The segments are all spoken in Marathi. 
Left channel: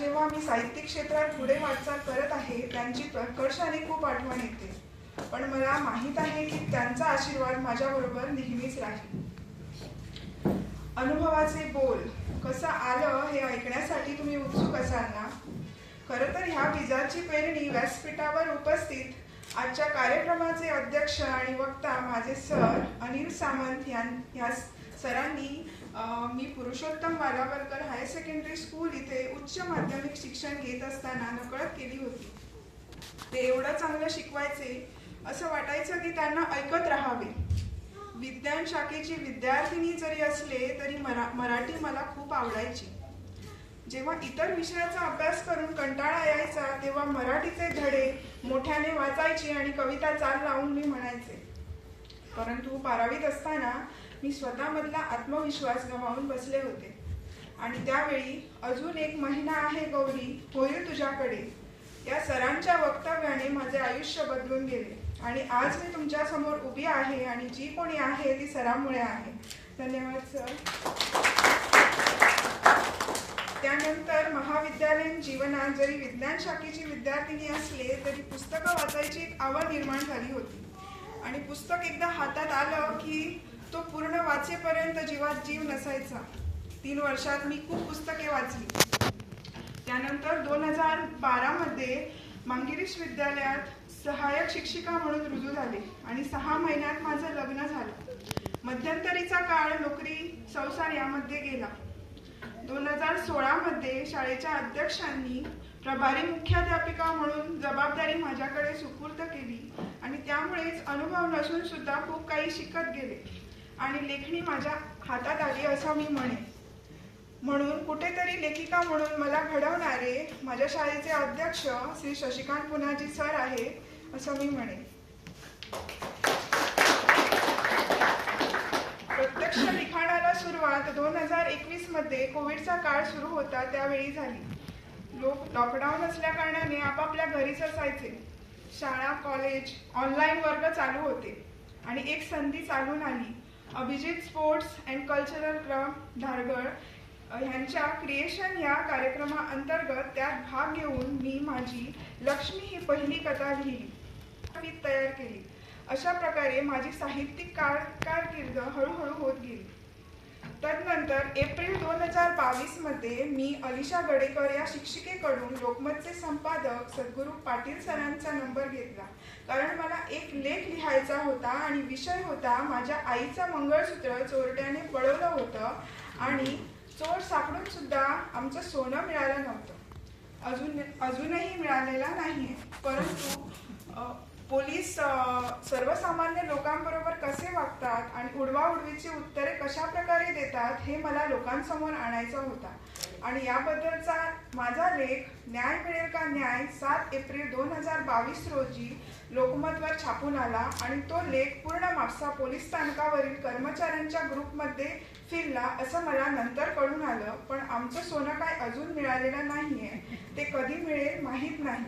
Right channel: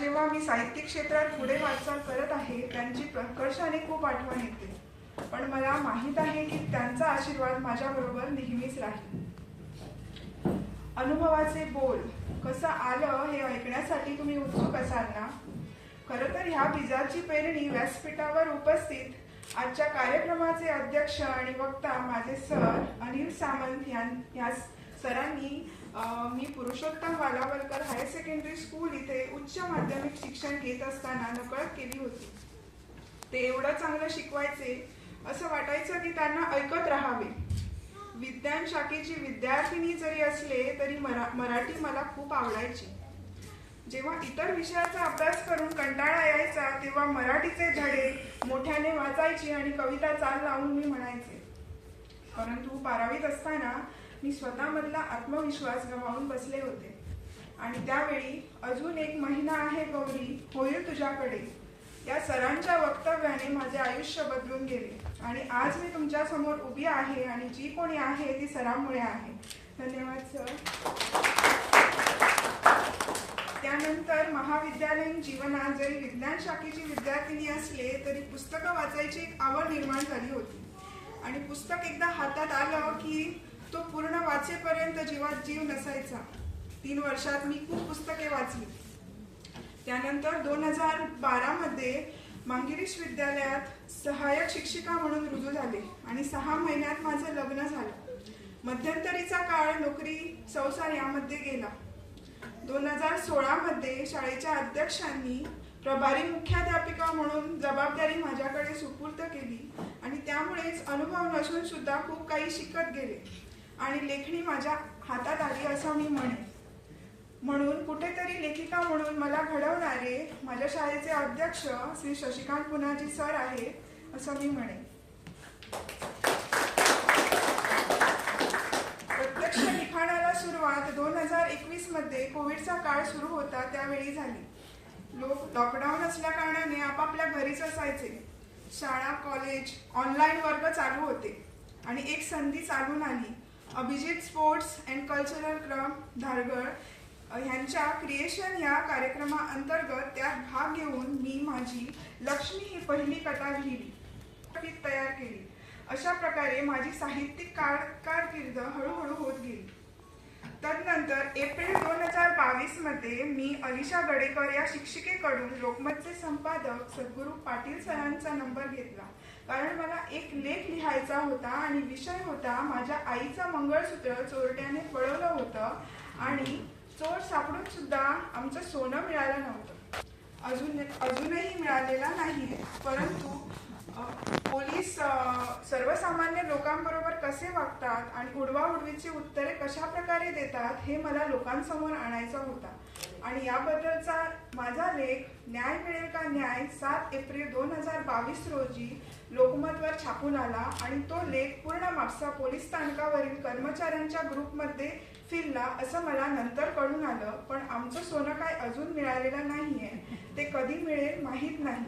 जेव्हा मी साहित्यिक क्षेत्रात पुढे वाटचाल करत आहे त्यांची प्रकर्षाने खूप आठवण येते. पण मला माहीत आहे की त्यांचा आशीर्वाद माझ्याबरोबर नेहमीच राहील. अनुभवाचे बोल कसं आलं हे ऐकण्यासाठी तुम्ही उत्सुक असाल ना? खरं तर ह्या बीजाची पेरणी व्यासपीठावर उपस्थित आजच्या कार्यक्रमाचे अध्यक्ष आणि वक्ता माझे सर अनिल सामंत यां- या सरांनी मी Purushottam Walawalkar higher secondary school इथे उच्च माध्यमिक शिक्षण घेत असताना नकळत केली होती. ते एवढं चांगलं शिकवायचे असं वाटायचं की त्यांना ऐकत राहावे. विज्ञान शाखेची विद्यार्थिनी जरी असले तरी मरा मराठी मला खूप आवडायची. जेव्हा इतर विषयाचा अभ्यास करून कंटाळा यायचा तेव्हा मराठीचे धडे मोठ्याने वाचायचे आणि कविता चाल लावून मी म्हणायचे. परंतु बारावीत असताना मी स्वतःमधला आत्मविश्वास गमावून बसले होते. आणि त्यावेळी अजून एक महिना आहे गौरी होईल तुझ्याकडे. या सरांच्या वक्तव्याने माझे आयुष्य बदलून गेले. आणि आज मी तुमच्यासमोर उभी आहे आणि जी कोणी आहे ती सरांमुळे आहे. धन्यवाद सर. त्यानंतर महाविद्यालयीन जीवनात जरी विज्ञान शाखेची विद्यार्थिनी असले तरी पुस्तकं वाचायची एक आवड निर्माण झाली होती. आणि पुस्तक एकदा हातात आलं की तो पूर्ण वाचेपर्यंत जीवात जीव नसायचा. तीन वर्षात मी खूप पुस्तके वाचली. त्यानंतर दोन हजार बारामध्ये मांगिरीश विद्यालयात सहाय्यक शिक्षिका म्हणून रुजू झाले आणि सहा महिन्यात माझं लग्न झालं. मध्यंतरीचा काळ नोकरी संसार यामध्ये गेला. दोन हजार सोळामध्ये शाळेच्या अध्यक्षांनी प्रभारी मुख्याध्यापिका म्हणून जबाबदारी माझ्याकडे सुपूर्द केली आणि त्यामुळेच अनुभव नसून सुद्धा खूप काही शिकत गेले. आणि लेखणी माझ्या हातात आली असं मी म्हणेन. म्हणून कुठेतरी लेखिका म्हणून मला घडवणारे माझ्या शाळेचे अध्यक्ष श्री शशिकांत पुनाजी सर आहे असं मी म्हणेन. प्रत्यक्ष लिखाणाला सुरुवात दोन हजार एकवीसमध्ये कोविडचा काळ सुरू होता त्यावेळी झाली. लोक लॉकडाऊन असल्या कारणाने आपापल्या घरीच असायचे. शाळा कॉलेज ऑनलाईन वर्ग चालू होते. आणि एक संधी चालून आली. Abhijit sports and cultural club Dhargal ह्यांच्या क्रिएशन या कार्यक्रमाअंतर्गत त्यात भाग घेऊन मी माझी लक्ष्मी ही पहिली कथा लिहिली. तयार केली. अशा प्रकारे माझी साहित्यिक कार कारकीर्द हळूहळू होत गेली. तदनंतर एप्रिल दोन हजार बावीसमध्ये मी अलिशा गडेकर या शिक्षिकेकडून लोकमतचे संपादक सद्गुरू पाटील सरांचा नंबर घेतला. कारण मला एक लेख लिहायचा होता आणि विषय होता माझ्या आईचं मंगळसूत्र चोरट्याने पळवलं होतं आणि चोर सापडून सुद्धा आमचं सोनं मिळालं नव्हतं. अजून अजूनही मिळालेला नाही परंतु पोलीस सर्वसामान्य लोकांबरोबर कसे वागतात आणि उडवाउडवीची उत्तरे कशा प्रकारे देतात हे मला लोकांसमोर आणायचा होता. आणि याबद्दलचा माझा लेख न्याय मिळेल का न्याय सात एप्रिल दोन हजार बावीस रोजी लोकमतवर छापून आला आणि तो लेख पूर्ण म्हापसा पोलीस स्थानकावरील कर्मचाऱ्यांच्या ग्रुपमध्ये फिरला असं मला नंतर कळून आलं पण आमचं सोनं काय अजून मिळालेलं नाहीये. ते कधी मिळेल माहीत नाही.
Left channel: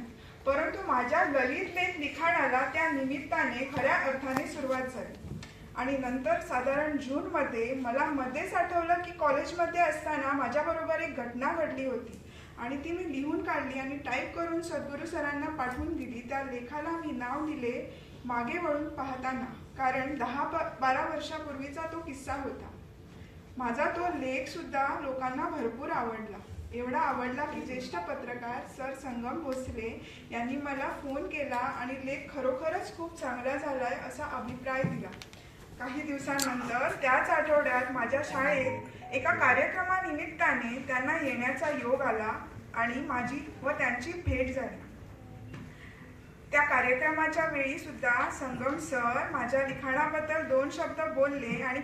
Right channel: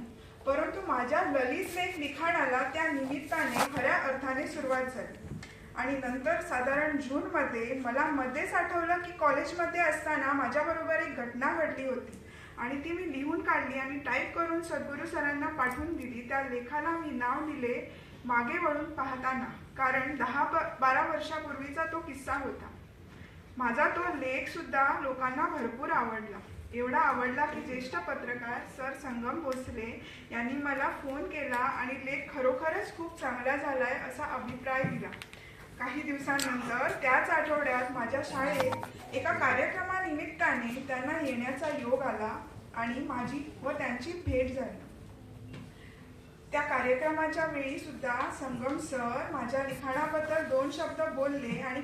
परंतु माझ्या ललित लेख लिखाणाला त्या निमित्ताने खऱ्या अर्थाने सुरुवात झाली. आणि नंतर साधारण जून मध्ये मला मध्येच आठवलं की कॉलेजमध्ये असताना माझ्याबरोबर एक घटना घडली होती. आणि ती मी लिहून काढली आणि टाईप करून सद्गुरू सरांना पाठवून दिली. त्या लेखाला मी नाव दिले मागे वळून पाहताना. कारण दहा बारा वर्षापूर्वीचा तो किस्सा होता. माझा तो लेख सुद्धा लोकांना भरपूर आवडला. एवढा आवडला की ज्येष्ठ पत्रकार सर संगम भोसले यांनी मला फोन केला आणि लेख खरोखरच खूप चांगला झालाय असा अभिप्राय दिला. काही दिवसानंतर त्याच आठवड्यात माझ्या शाळेत एका कार्यक्रमानिमित्ताने त्यांना येण्याचा योग आला आणि माझी व त्यांची भेट झाली. त्या कार्यक्रमाच्या वेळी सुद्धा संगम सर माझ्या लिखाणाबद्दल दोन शब्द बोलले आणि